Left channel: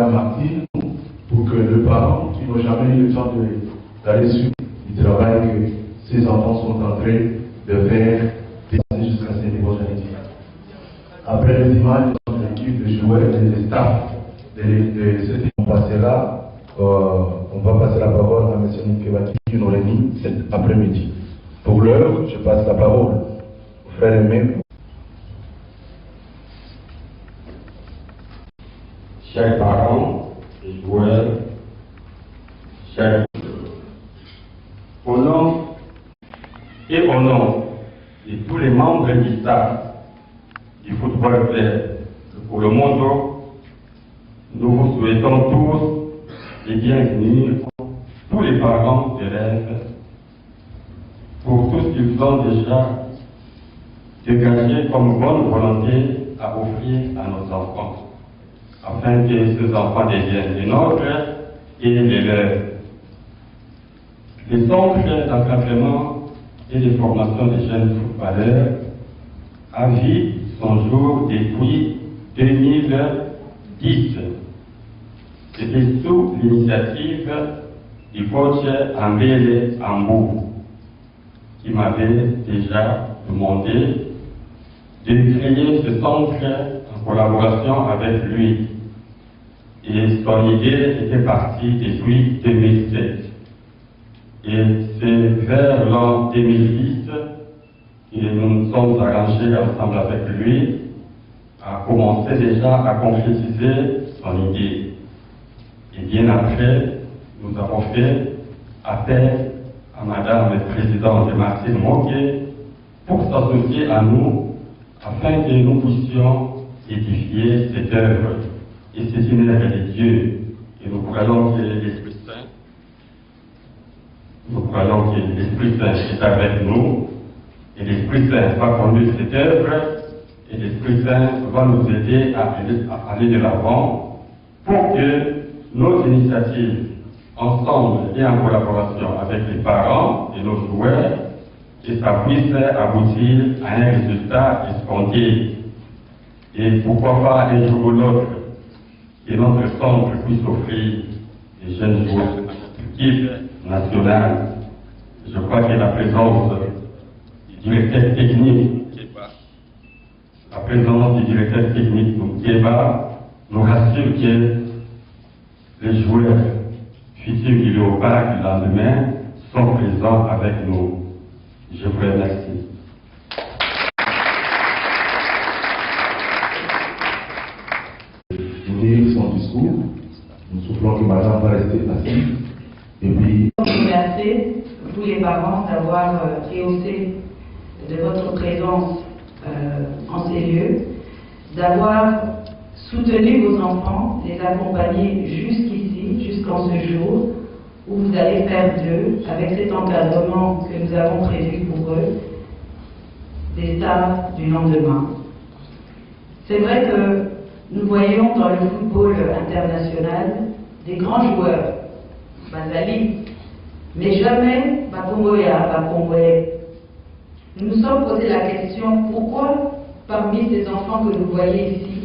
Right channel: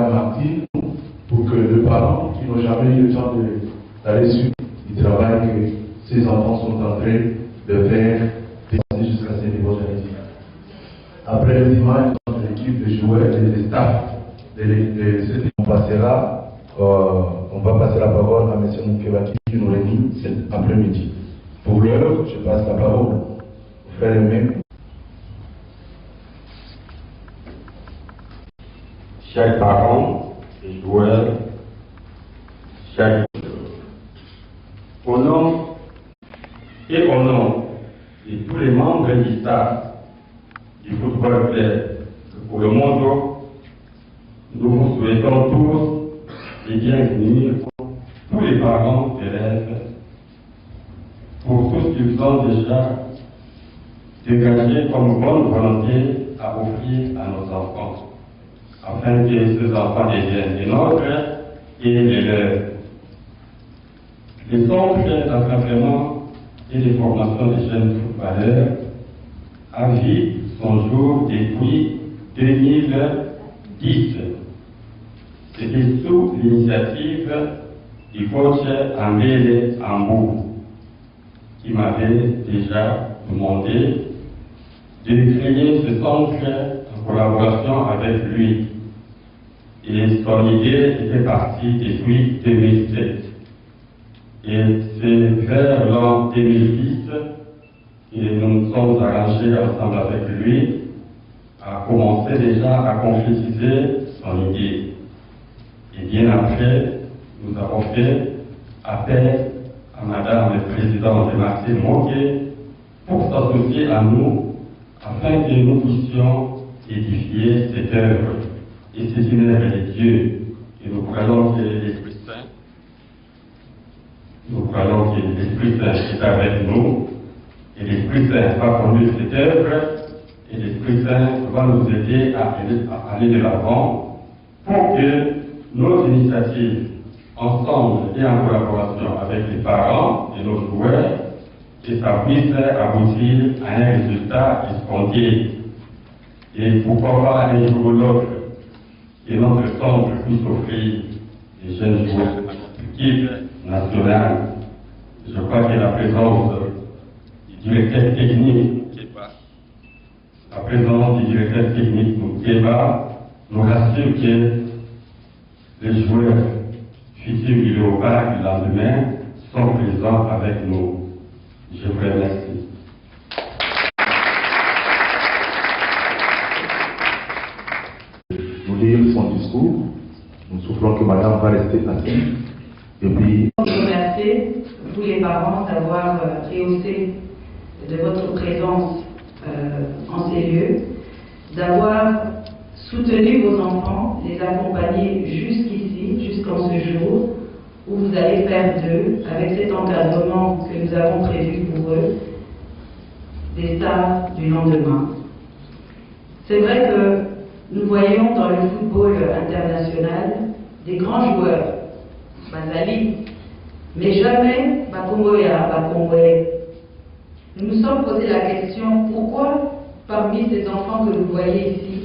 Madame Martine pour que les parents qui n'ont jamais eu le temps d'aller sur du travail que ces enfants sont en train de faire dépasser jusqu'à ces niveaux génétiques. Après les images de l'équipe de joueurs et des staffs on va passer la parole à M. Moukebaki qui nous réunit cet après-midi. Pour l'heure, je passe la parole au frère aimé. Chers parents et joueurs, chers au nom de tous les membres du staff du football club pour le monde, nous vous souhaitons tous les bienvenus, tous les parents d'élèves, pour tout ce qu'ils ont déjà dégagé comme bonne volonté à offrir à nos enfants, afin que ces enfants deviennent les nôtres et les leurs. Les centres d'encadrement et de formation des jeunes footballeurs a vu son jour depuis 2010. C'était sous l'initiative du coach Ambele Ambou, qui m'avait déjà demandé de créer ce centre en collaboration avec lui. Et son idée était partie depuis 2007. Et c'est vers l'an 2010 que nous nous sommes arrangés ensemble avec lui à commencer déjà à concrétiser son idée. Et bien après, nous avons fait appel à Madame le Président de Martine Moké pour s'associer à nous afin que nous puissions édifier cette œuvre. Et c'est une œuvre de Dieu. Et nous croyons que l'Esprit Saint, est avec nous. Et l'Esprit Saint va conduire cette œuvre. Et l'Esprit Saint va nous aider à aller de l'avant pour que nos initiatives, ensemble et en collaboration avec les parents et nos joueurs, que ça puisse aboutir à un résultat escompté. Et pourquoi pas un jour ou l'autre, que notre centre puisse offrir des jeunes joueurs à notre équipe nationale. Je crois que la présence du directeur technique, nous rassure que les joueurs futurs du Léopard du lendemain sont présents avec nous. Je vous remercie. Nous lire son discours. Nous soufflons que madame va rester assise. Et puis. Je vous remercie, vous les parents, d'avoir rehaussé de votre présence en ces lieux, d'avoir soutenu vos enfants, les accompagner jusqu'ici, jusqu'en ce jour, où vous allez faire d'eux, avec cet encadrement que nous avons prévu pour eux, des stars du lendemain. C'est vrai que nous voyons dans le football international des grands joueurs, Bazali, mais jamais Bakongoya, Bakongwe. Nous nous sommes posé la question, pourquoi parmi ces enfants que vous voyez ici,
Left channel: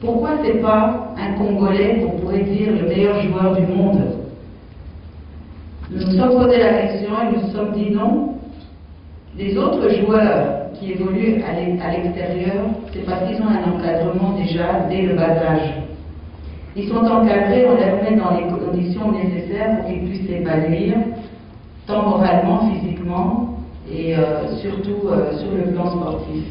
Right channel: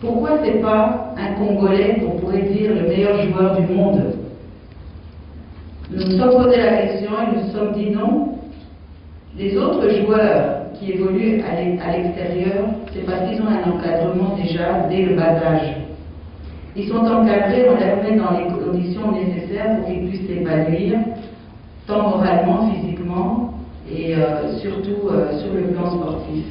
pourquoi ce n'est pas un Congolais, on pourrait dire, le meilleur joueur du monde? Nous nous sommes posé la question et nous nous sommes dit non. Les autres joueurs qui évoluent à l'extérieur, c'est parce qu'ils ont un encadrement déjà dès le bas âge. Ils sont encadrés, on les met dans les conditions nécessaires pour qu'ils puissent s'épanouir, tant moralement, physiquement et surtout sur le plan sportif.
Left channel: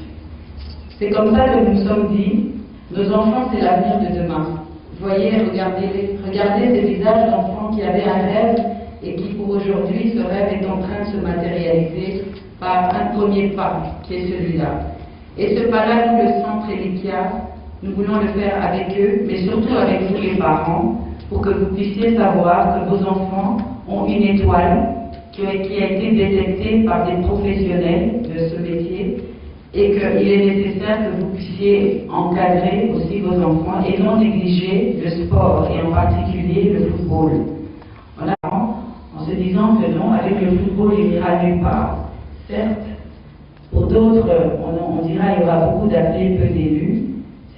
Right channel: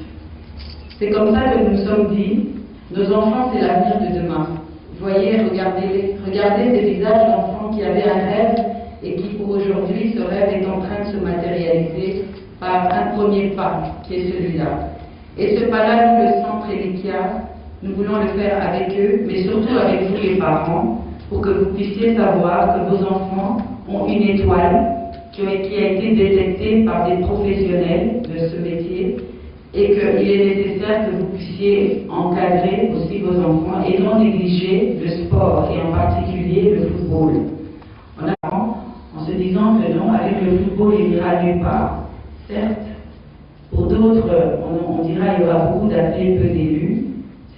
C'est comme ça que nous nous sommes dit, nos enfants c'est l'avenir de demain. Vous voyez, regardez ces visages d'enfants qui avaient un rêve et qui pour aujourd'hui, ce rêve est en train de se matérialiser par un premier pas qui est celui-là. Et ce pas-là, nous, le centre Elikia, nous voulons le faire avec eux, mais surtout avec vous les parents, pour que vous puissiez savoir que vos enfants ont une étoile qui a été détectée par des professionnels de ce métier et qu'il est nécessaire que vous puissiez encadrer aussi vos enfants et non négliger le sport et en particulier le football. En se disant que non, avec le football, il n'ira nulle part. Certes, pour d'autres, on dira qu'il y aura beaucoup d'appelés, peu d'élus.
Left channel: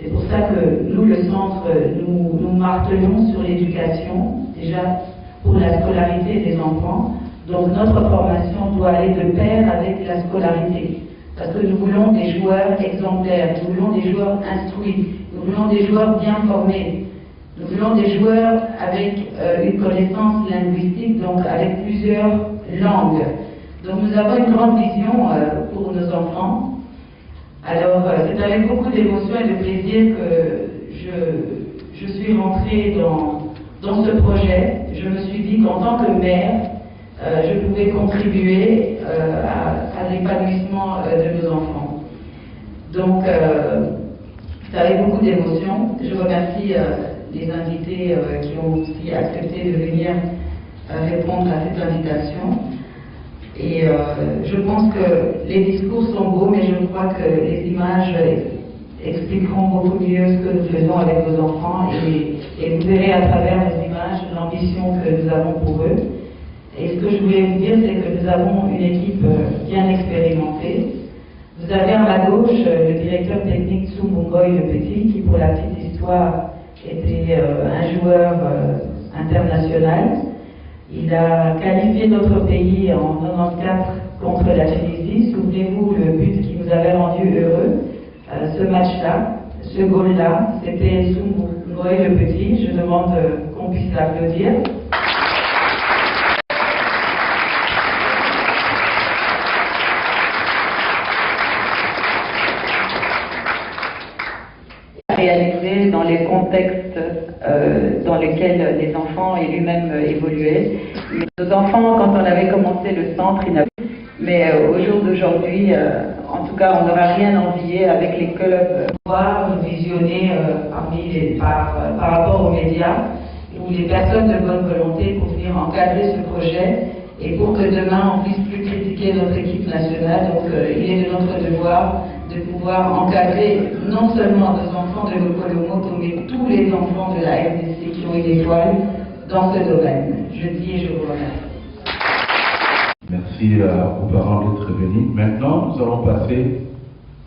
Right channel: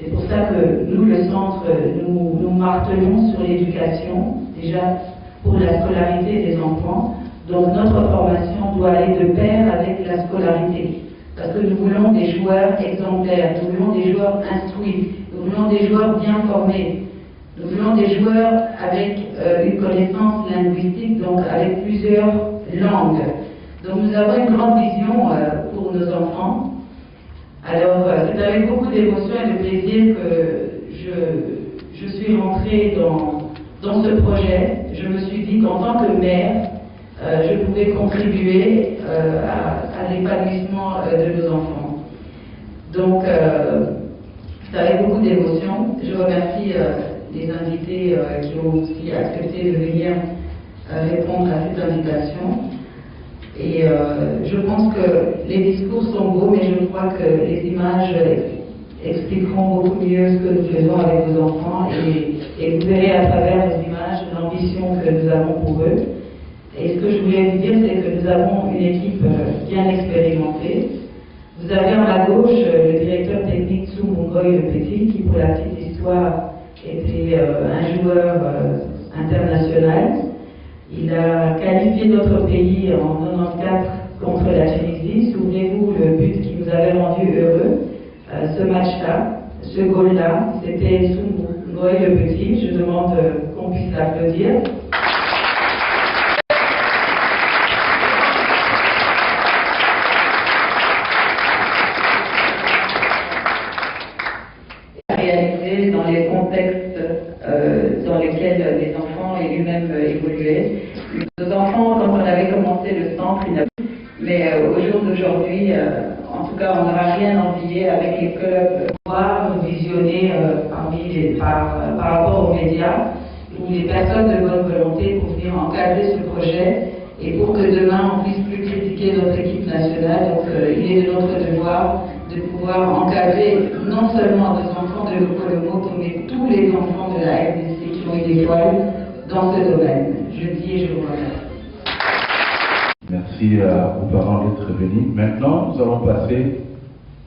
C'est pour ça que nous, le centre, nous martelons sur l'éducation, déjà pour la scolarité des enfants. Donc notre formation doit aller de pair avec la scolarité. Parce que nous voulons des joueurs exemplaires, nous voulons des joueurs instruits, nous voulons des joueurs bien formés, nous voulons des joueurs avec une connaissance linguistique, donc avec plusieurs langues. Donc nous avons une grande vision pour nos enfants. Alors c'est avec beaucoup d'émotion et de plaisir que je suis rentrée dans ce projet. Je me suis dit qu'en tant que mère, je pouvais contribuer à l'épanouissement de nos enfants. Donc, c'est avec beaucoup d'émotion. Je remercie les invités qui ont aussi accepté de venir répondre à cette invitation. Et je pense que les discours sont beaux, mais je crois que les images expliqueront beaucoup mieux ce que nous faisons avec vos enfants. Et vous verrez à travers les images l'ambition que nous avons pour eux. Et ce que je voulais vous dire, c'est que nous avons une équipe bien expérimentée. Vous avez à ma gauche le directeur technique Tsoumungoy Le Petit, qui pour la petite histoire était un joueur international. Il a qualifié notre pays en 94 contre la Tunisie. Souvenez-vous le but qui nous avait rendu heureux. Ce match-là, ce goal-là, c'était Tsoumungoy Le Petit. Je demande qu'on puisse l'applaudir. Réalisé dans les contextes dans lesquels les enfants et lui-même évoluaient. Nos enfants, quand on avait commencé le centre, ils n'avaient pas. Mais au jour d'aujourd'hui, en tout cas, on n'aura rien envié avec les clubs. Voir, visionner par rapport aux médias ou les personnes de bonne volonté pour venir encadrer ce projet et pour que demain on puisse plus critiquer notre équipe nationale. Donc il est de notre devoir de pouvoir encadrer non seulement nos enfants de l'Okolomoto, mais tous les enfants de la RDC qui ont une étoile dans ce domaine. Je dis et je vous remercie. Merci aux parents d'être venus. Maintenant, nous allons passer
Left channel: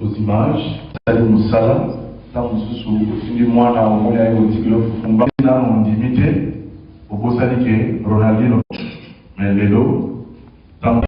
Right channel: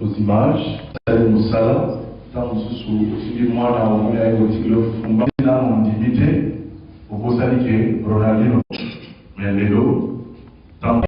aux images. Salut Moussala, ça nous sous moi dans le monde avec le Fumba, on dimité, au beau saliqué, Ronaldinho, mais les dos, tant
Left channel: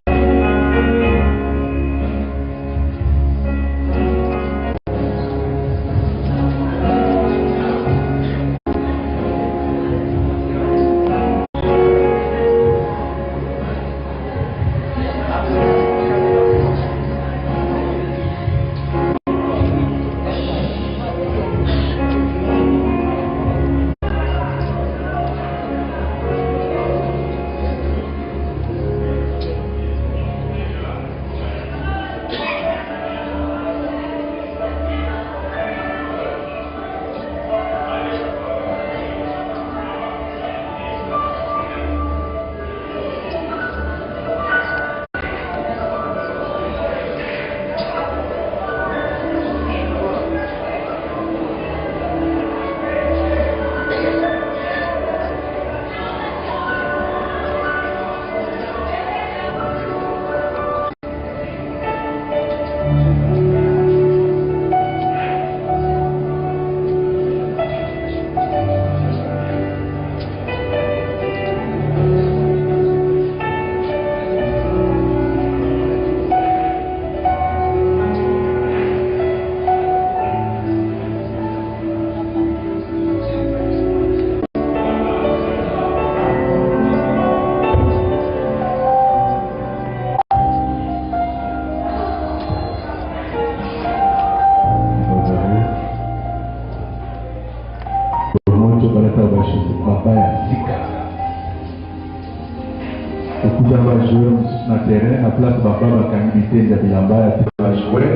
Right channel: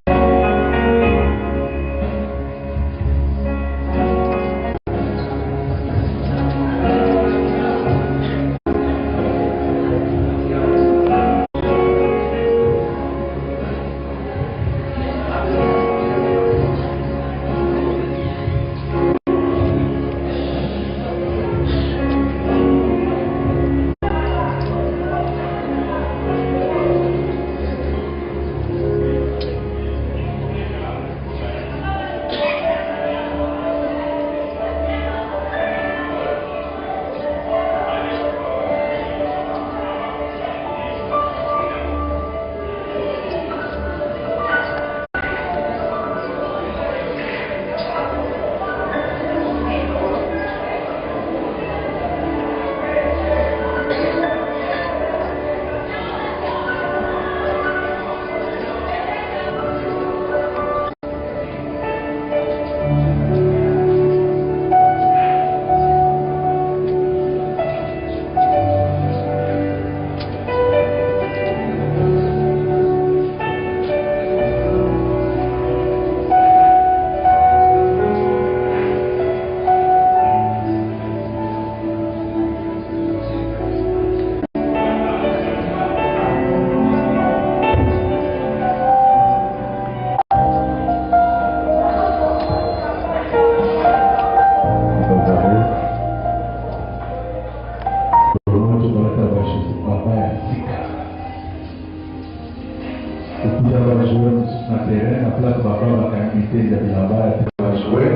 na terrain, na place Baba Makangi de Bilamba, à jouer,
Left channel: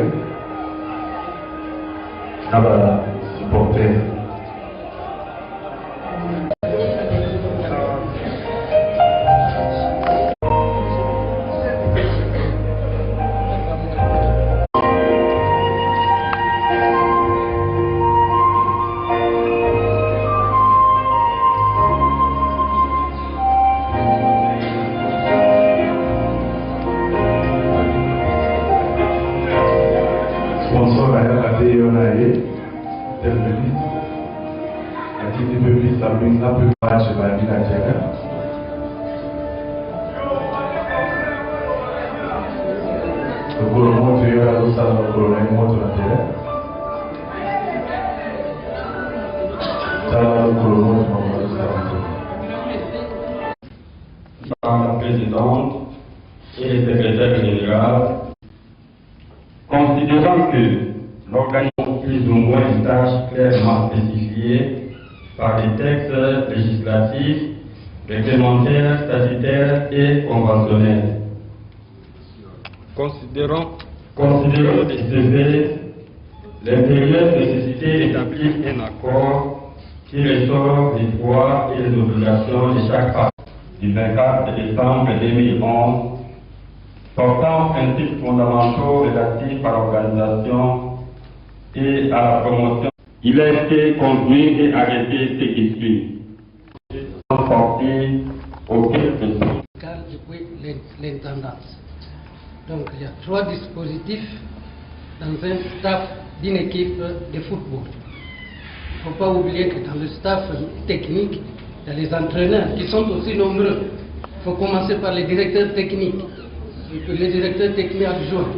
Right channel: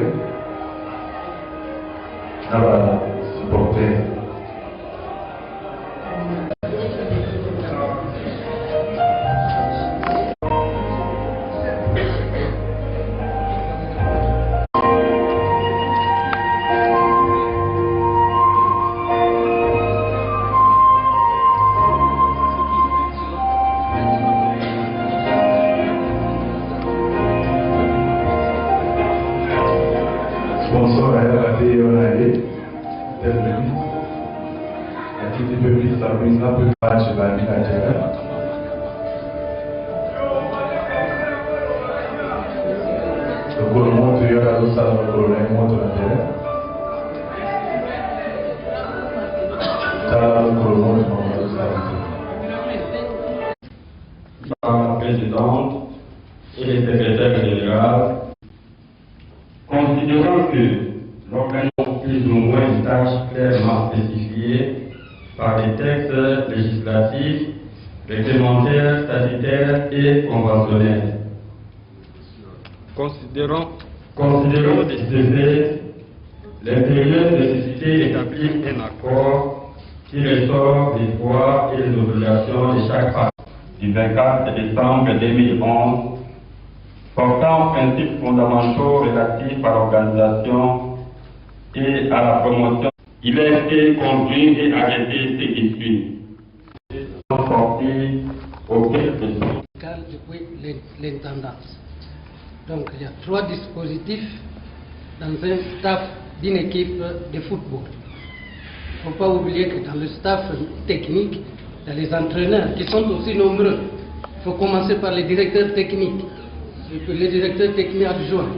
ça va supporter. Sponsor ayah kasih Yonae, establish a peu match by Nigeria. Le gouvernement de la Rosa le gouvernement de la terre. Ça le gouvernement de la présidente et le secrétaire général, considérant que l'organisation plus ou moins une tâche clairement spécifiée par les textes législatifs, réglementaires, statutaires et conventionnels. Considérant de ce fait l'impérieuse nécessité d'établir un accord qui ressort des droits et des obligations de chaque partie du 24 décembre 2011 portant principes fondamentaux relatifs à l'organisation et à la promotion. Il a été conduit et arrêté ce qui suit. Depuis l'intendance. Donc il y a 3 dispositifs dans un staff d'une équipe de football. Il ne faut pas oublier que dans le staff technique, il y a les entraîneurs qui sont aussi nombreux. Il faut commencer par les directeurs techniques, les directeurs techniques adjoints,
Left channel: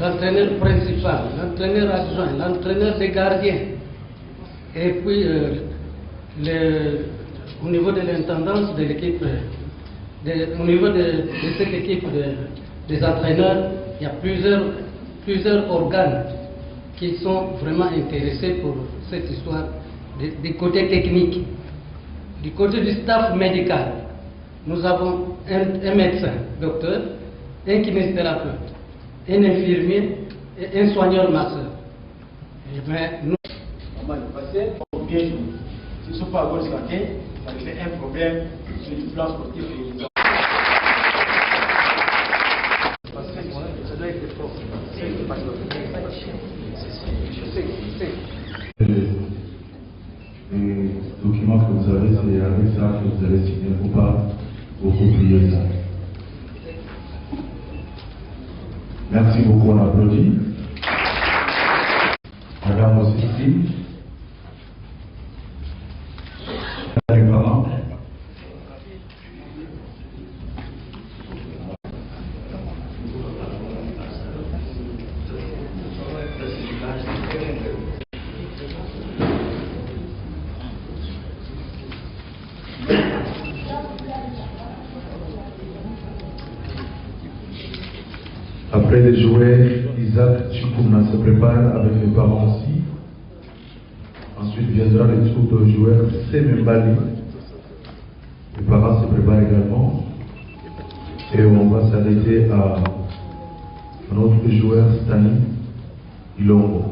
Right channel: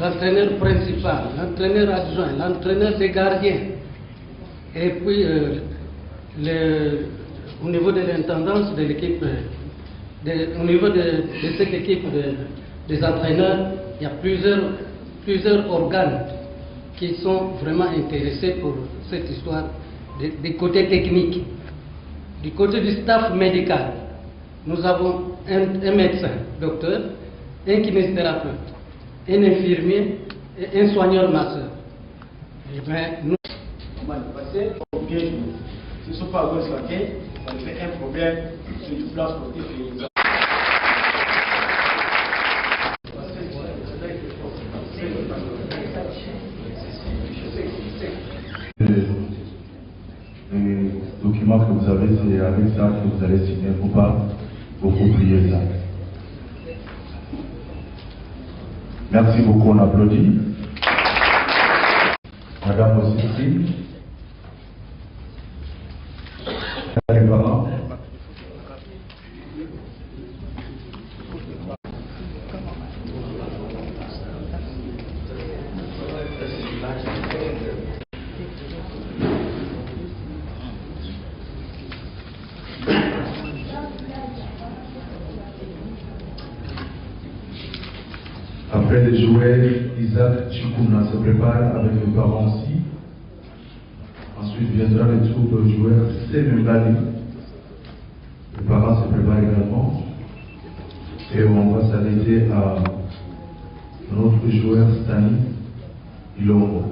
l'entraîneur principal, l'entraîneur adjoint, l'entraîneur des gardiens. Et puis, au niveau de l'intendance de l'équipe, au niveau de cette équipe des entraîneurs, il y a plusieurs organes qui sont vraiment intéressés pour cette histoire du côté technique. Du côté du staff médical, nous avons un médecin, docteur, un kinésithérapeute, un infirmier et un soigneur masseur. Nous... On va le passer au bien. Si ce ne sont pas à gauche, ça fait un problème sur le plan sportif. Les documents que vous avez, c'est avec ça que vous allez signer. Il ne faut pas beaucoup prier ça. Merci beaucoup, on applaudit. Madame aussi. Les parents. Après les joueurs, Isaac Chikouna se prépare avec les parents aussi. Ensuite viendra le tour de joueur Semembali. Les parents se préparent également. Et on va s'arrêter à notre joueur Stani Ilongo.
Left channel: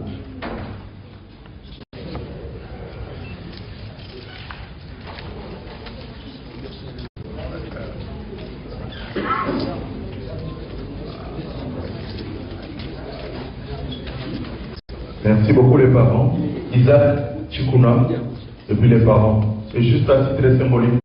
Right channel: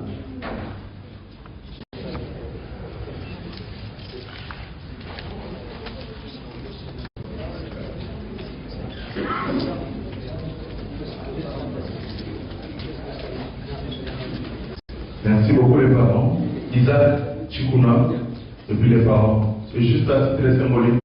Merci beaucoup les parents. Isaac Chikouna, et puis les parents. C'est juste à titre symbolique.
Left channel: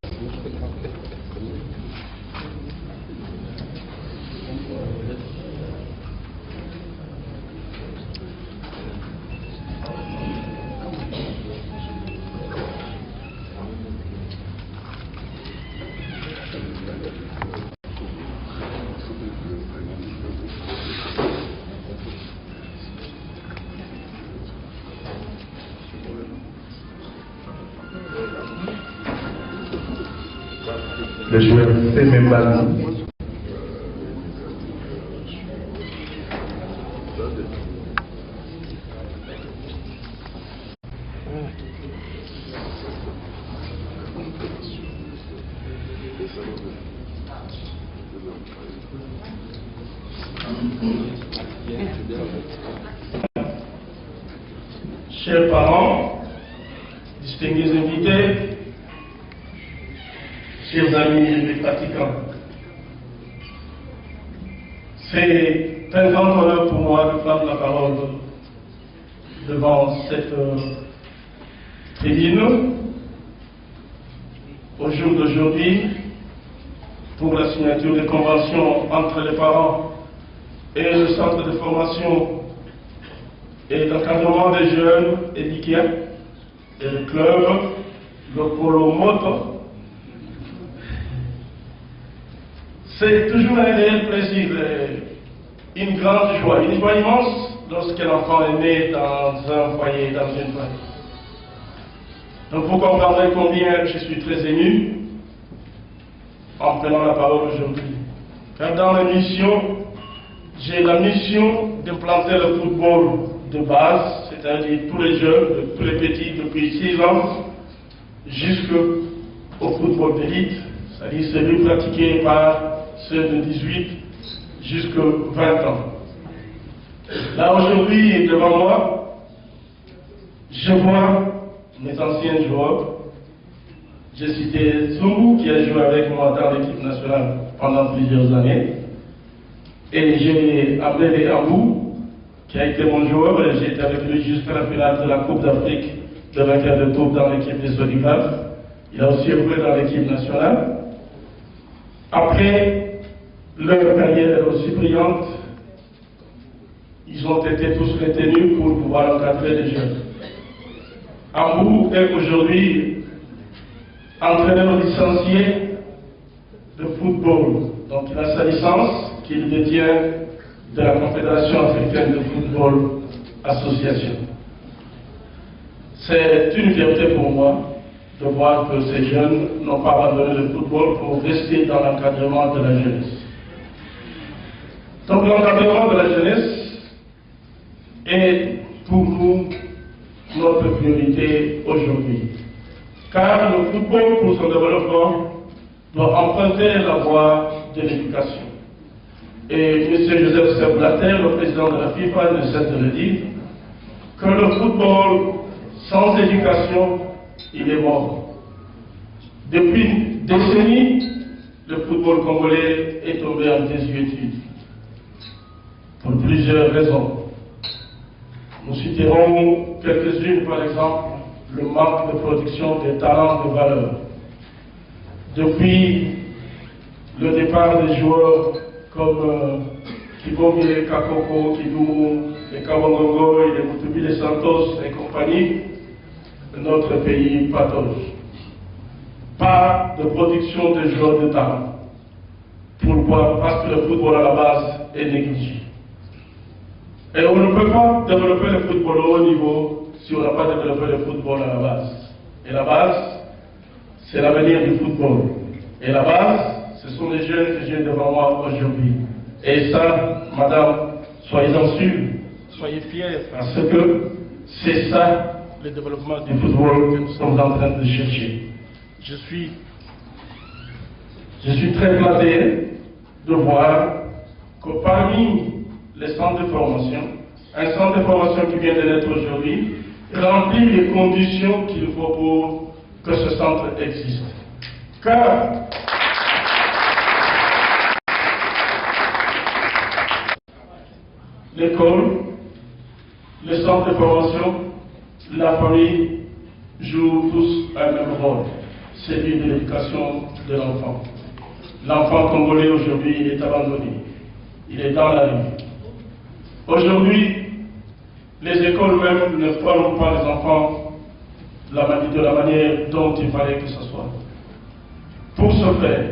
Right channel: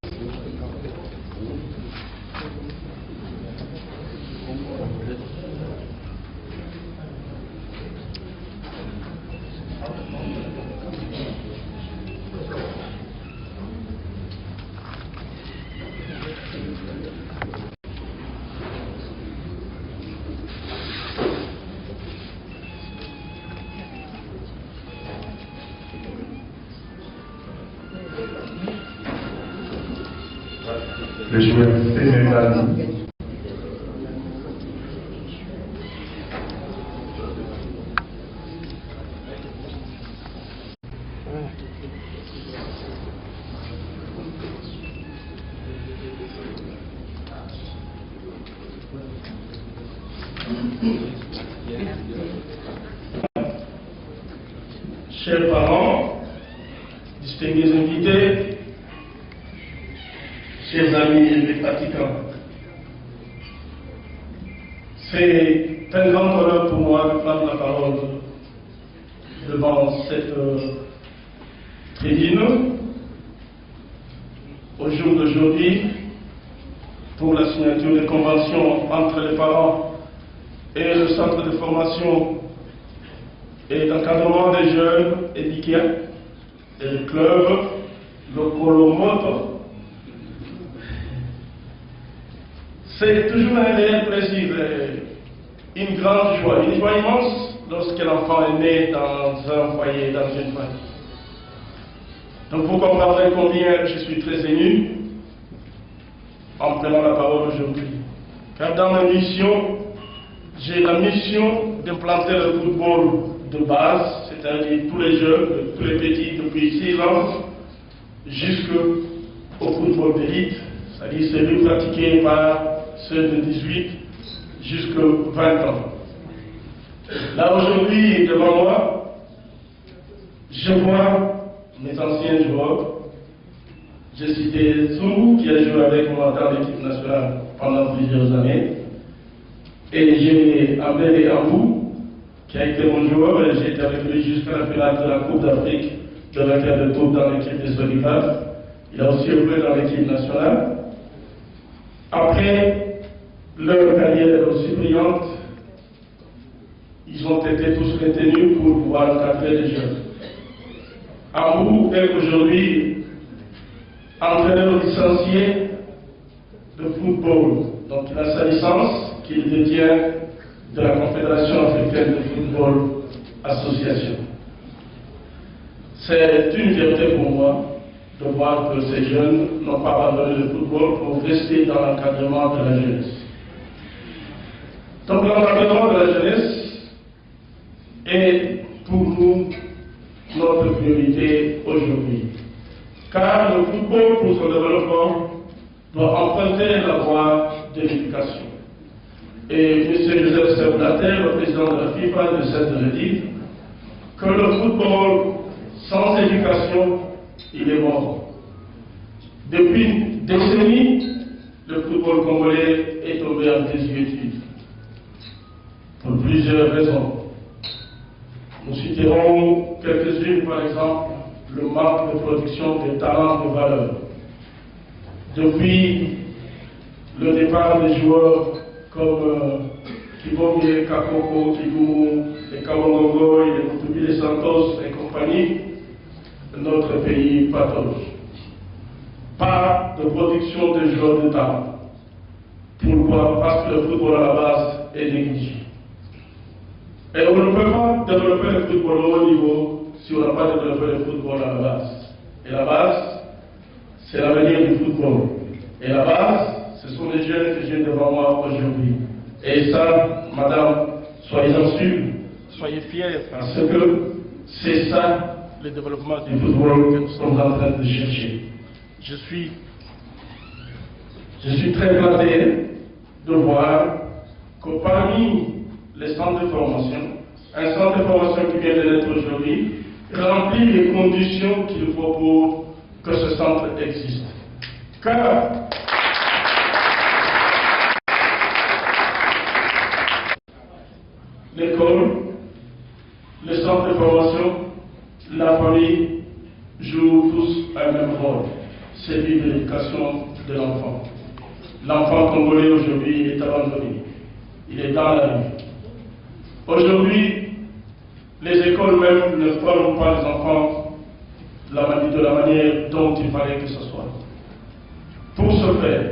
Le joueur Semembali. Chers parents, distingués invités, chers amis et pratiquants, c'est un grand honneur pour moi de prendre la parole devant cette tribune au jour d'aujourd'hui pour la signature des conventions entre les parents et le centre de formation et d'encadrement des jeunes éduqués et le club le Colomoto. C'est toujours un réel plaisir, une grande joie, une joie immense lorsque l'enfant est né dans un foyer, dans une famille. Donc vous comprendrez combien je suis très ému en prenant la parole aujourd'hui. Car dans ma mission, j'ai la mission d'implanter le football de base, c'est-à-dire tous les jeunes, tous les petits depuis 6 ans, jusqu'au football d'élite, c'est-à-dire celui pratiqué par ceux de 18 jusqu'à 20 ans. Là aujourd'hui, devant moi, je vois mes anciens joueurs. J'ai cité Zungu qui a joué avec moi dans l'équipe nationale pendant plusieurs années. Et j'ai amené Ambou qui a été mon joueur et j'ai été avec lui jusqu'à la finale de la Coupe d'Afrique de vainqueur de tour dans l'équipe des Olivas. Il a aussi joué dans l'équipe nationale. Après leur carrière aussi brillante, ils ont été tous retenus pour pouvoir encadrer les jeunes. Ambou est aujourd'hui entraîneur licencié de football. Donc il a sa licence qu'il détient de la Confédération africaine de football association. C'est une fierté pour moi de voir que ces jeunes n'ont pas abandonné le football pour rester dans l'encadrement de la jeunesse. Donc l'encadrement de la jeunesse est pour nous notre priorité aujourd'hui. Car le football, pour son développement, doit emprunter la voie de l'éducation. Et M. Joseph Sepp Blatter, le président de la FIFA, ne cesse de le dire, que le football, sans éducation, il est mort. Depuis une décennie, le football congolais est tombé en désuétude. Pour plusieurs raisons. Nous citerons quelques-unes, par exemple, le manque de production des talents de valeur. Depuis le départ des joueurs comme Kibomi, Kakoko, Kiboumou, les Kawangongo, les Mutubi, les Santos et compagnie, notre pays patauge. Pas de production de joueurs de talent. Pourquoi? Parce que le football à la base est négligé. Et on ne peut pas développer le football au haut niveau si on n'a pas développé le football à la base. Et la base, c'est l'avenir du football. Et la base, ce sont les jeunes que j'ai devant moi aujourd'hui. Et ça, madame, soyez-en sûrs, soyez fiers, parce que c'est ça le développement du football que nous sommes en train de chercher. Je suis très flatté de voir que parmi les centres de formation, un centre de formation qui vient de naître aujourd'hui, remplit les conditions qu'il faut pour que ce centre existe. Car l'école, le centre de formation, la famille jouent tous un même rôle, celui de l'éducation de l'enfant. L'enfant congolais aujourd'hui est abandonné, il est dans la rue. Aujourd'hui, les écoles même ne forment pas les enfants de la manière dont il fallait que ce soit. Pour ce faire,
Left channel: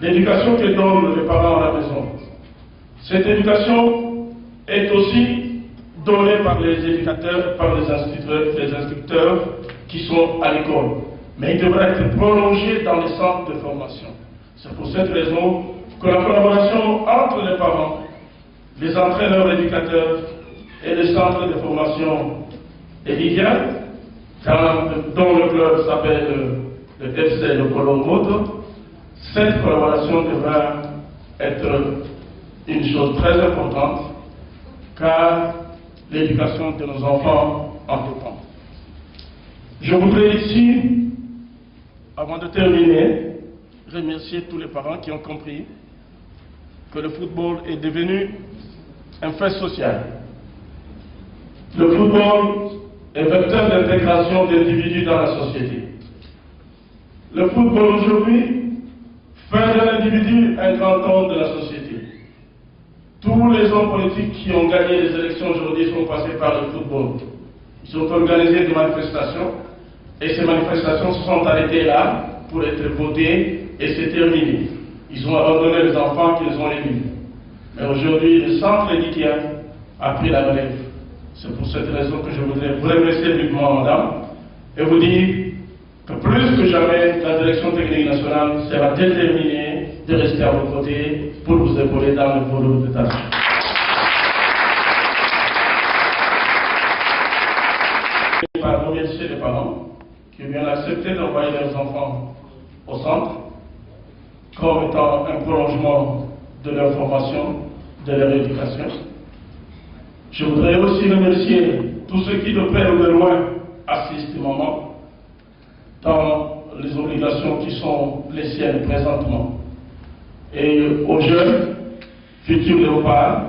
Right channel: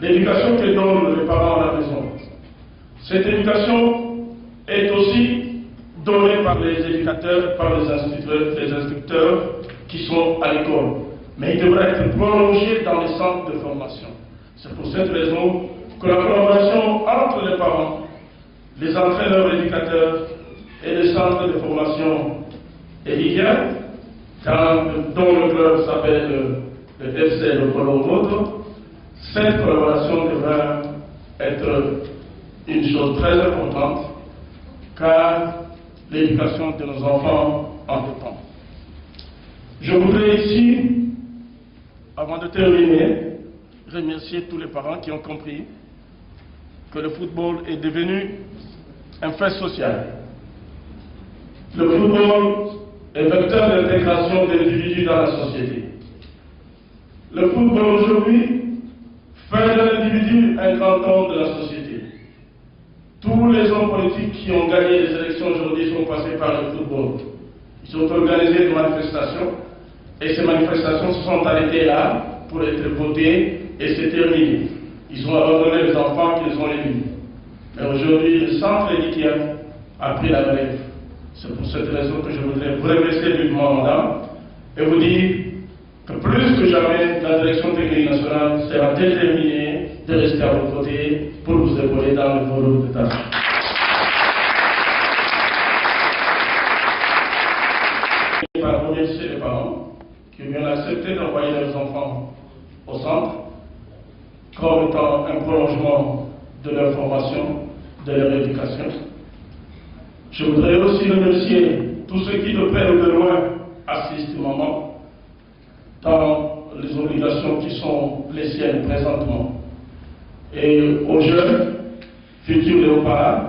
l'éducation que donnent les parents à la maison, cette éducation est aussi donnée par les éducateurs, par les instructeurs qui sont à l'école. Mais il devrait être prolongé dans les centres de formation. C'est pour cette raison que la collaboration entre les parents, les entraîneurs éducateurs et les centres de formation est idéale, dont le club s'appelle le FC le Colomoto. Cette collaboration devrait être une chose très importante, car l'éducation de nos enfants en dépend. Je voudrais ici, avant de terminer, remercier tous les parents qui ont compris que le football est devenu un fait social. Le football est vecteur d'intégration d'individus dans la société. Le football aujourd'hui fait de l'individu un grand homme de la société. Tous les hommes politiques qui ont gagné les élections aujourd'hui sont passés par le football. Ils ont organisé des manifestations Et ces manifestations se sont arrêtées là pour être votées et c'est terminé. Ils ont abandonné les enfants qu'ils ont élus. Mais aujourd'hui, le centre éditien a pris la relève. C'est pour cette raison que je voudrais vous remercier vivement, madame, et vous dire que plus que jamais, la direction technique nationale sera déterminée de rester à vos côtés pour vous épauler dans le volume de tâches. Je vais remercier les parents qui ont bien accepté d'envoyer leurs enfants au centre comme étant un prolongement de leur formation, de leur éducation. Je voudrais aussi remercier tous ceux qui de près ou de loin assistent maman dans les obligations qui sont les siennes présentement. Et aux jeunes, futurs léopards,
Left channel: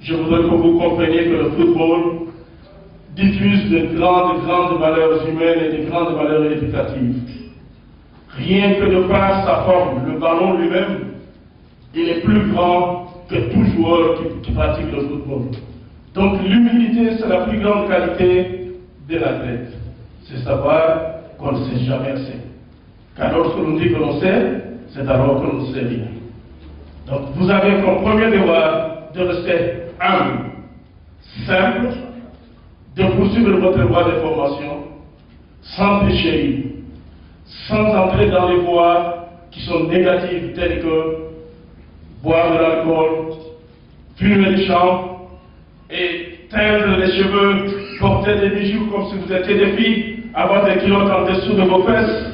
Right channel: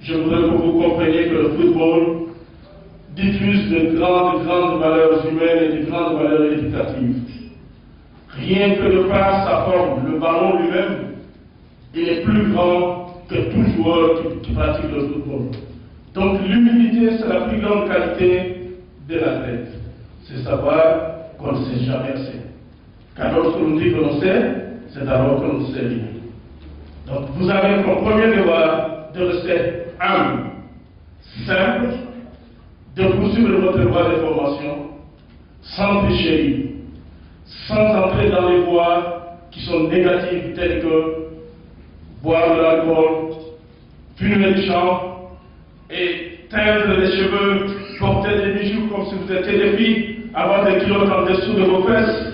je voudrais que vous compreniez que le football diffuse de grandes valeurs humaines et de grandes valeurs éducatives. Rien que de par sa forme, le ballon lui-même, il est plus grand que tout joueur qui pratique le football. Donc l'humilité, c'est la plus grande qualité de l'athlète. C'est savoir qu'on ne sait jamais assez. Car lorsque l'on dit que l'on sait, c'est alors que l'on ne sait rien. Donc vous avez comme premier devoir de rester humble, simple, de poursuivre votre voie de formation sans tricherie, sans entrer dans les voies qui sont négatives telles que boire de l'alcool, fumer du champ et teindre les cheveux, porter des bijoux comme si vous étiez des filles, avoir des kilos en dessous de vos fesses.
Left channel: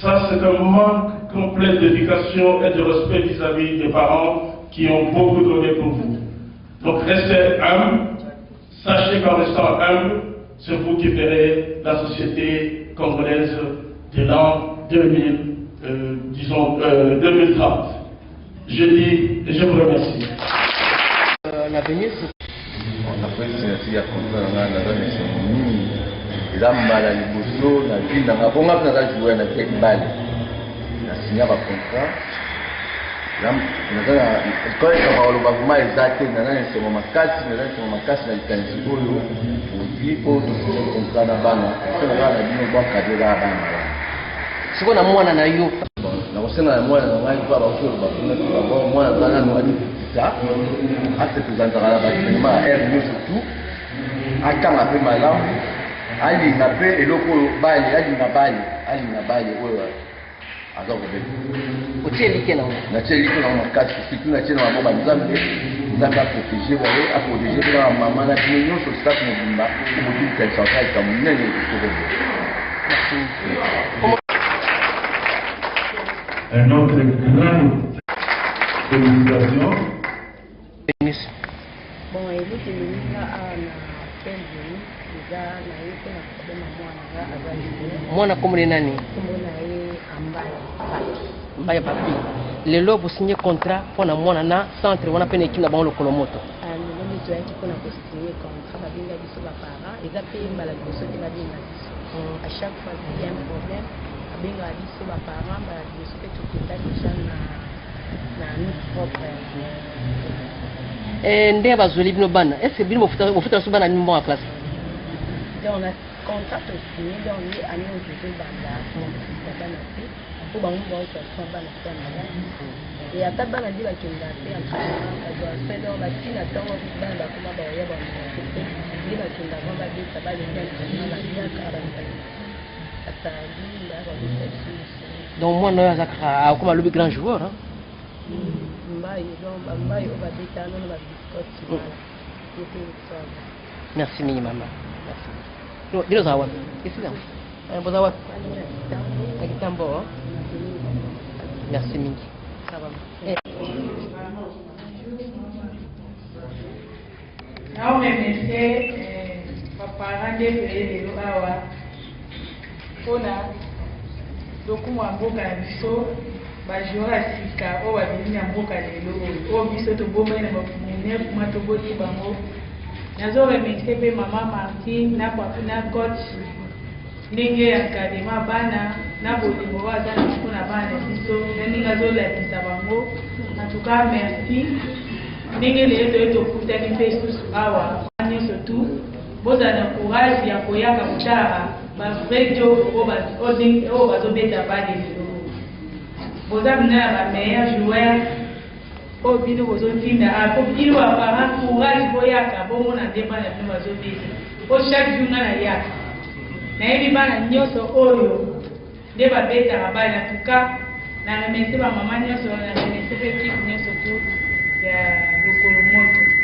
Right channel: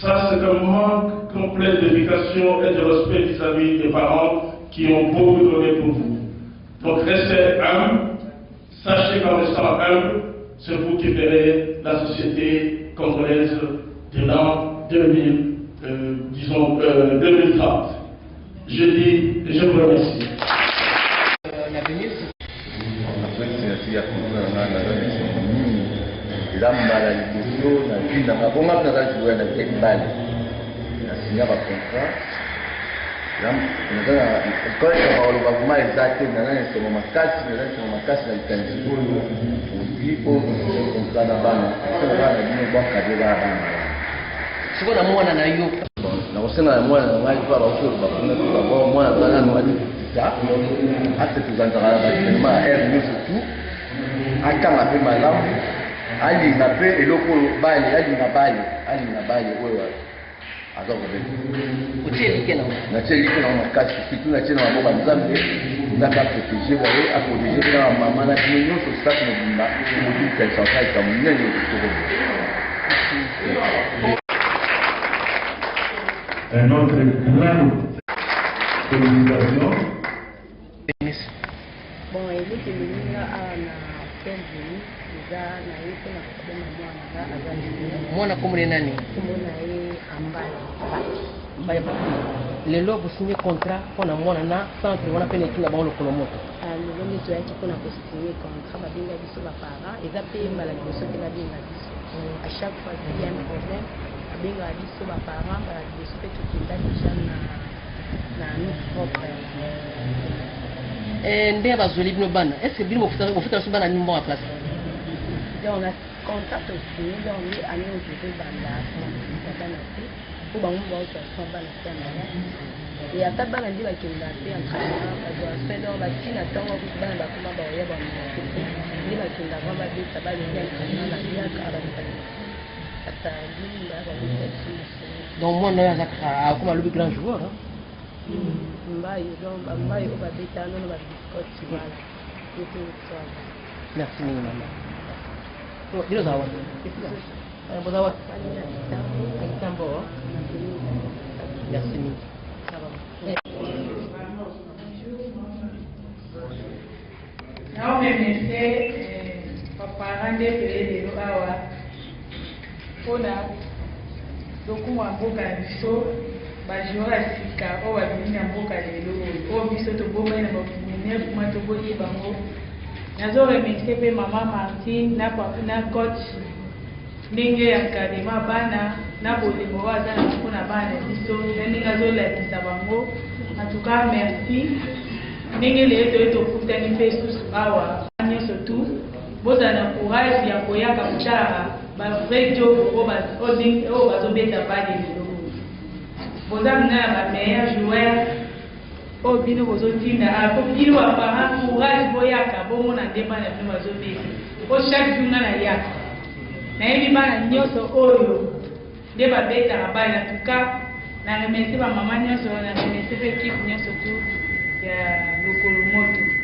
Ça, c'est un manque complet d'éducation et de respect vis-à-vis des parents qui ont beaucoup donné pour vous. Donc restez humble. Sachez qu'en restant humble, c'est vous qui verrez la société congolaise de l'an 2030. Je dis et je vous remercie. L'avenir, on a fait une contrat dans la eza mbala liboso na vie nanga bonga mpe naza joueur na tek bale na signa bacontrat koleka baloba vraimen eza te naza na esengo makasi na likanisi oyo ozwi mpo tosise contrat na bana mpe naza na bino bwakade kaka bana sikoyo na mwana na yo nakosenga na mwana na ngai mpo bakoloba kuna tobabo mwana aza nano adikisa ate tozanzaka na baenema ya aire nyonso tu atanga mpe malamu alinga mpe eloko oyo bale alinga bale oyo aza kobela natie elike nango makasi surtout natie na maboko nzambe aprotege baye aprotege mpe na bamama na bino nyonso sitaki mobimba omobilikanisa osalika monene okokobela. Un autre grand félicitations. Bon, eloko elinga awa na Kenveni eza na ye mpe na kobema mwana nga aza mwana komone nani kombo na ye mbaya papi lelo bosinye contrat mpona mwana na centre wana mpe na ekini na bango lokolo moto lelo nde toyaki mpona kosinye contrat babenga biso baparent eza mpe mbala liboso te babenga biso à chaque fois qu'il y a un problème babengaka biso baparent mbala liboso mpe tokenda déjà na nous propre nde bazweli bino bana est ce que bino bofuta biso bana nini mbongo ya classe donc na contrat tosinye donc ye année oyo tozobanda mokosa bana te mpo bango baotoaso bana te ya malamu e ata bana nde bakenda te entraînement bazwa fe donc batina ntango bana bakoma baoya bamonate te nde bakendaka babeta balengi entraînement babiaka bazali ata bilinga babeta biso donc mwana oyo azaka akoma alobi grand joueur mbayi donc bambayi oyo babeta nono babiscote wala ete osala. Merci mingi mama. Dino zawa. Isika. Bozawa. Akitambo. Merci mingi. Nao remercier baparents nde peye lelo awa mpona lokumu ya mboka na biso bajoueur ya sika oyo babimi na mboka lelo oyo biso tobomai na bamunene kuma toboti bango. Nazo remercier mpe mama Martine na coach ndenge ya kadema bana na bolingo oyo aza na mpona bana na biso na ndenge azolakisa bango. En tout cas merci ndenge lelo toye tokutani mpe susu awa nyonso tu bozala na courage ya koyaka kotala bavrai job oyo bazobeta bale lelo boza bina ya bameilleur joueur oyo bino bozotinda po bino baparent courage boyaka bomona nde bana bino bazobeta po chaque jour nga na yaka nayebi bana nyonso oyo nde babetaka bale na tuka na remercie bamama nyonso na remercie pe ekipe nyonso tu ya lokolo moto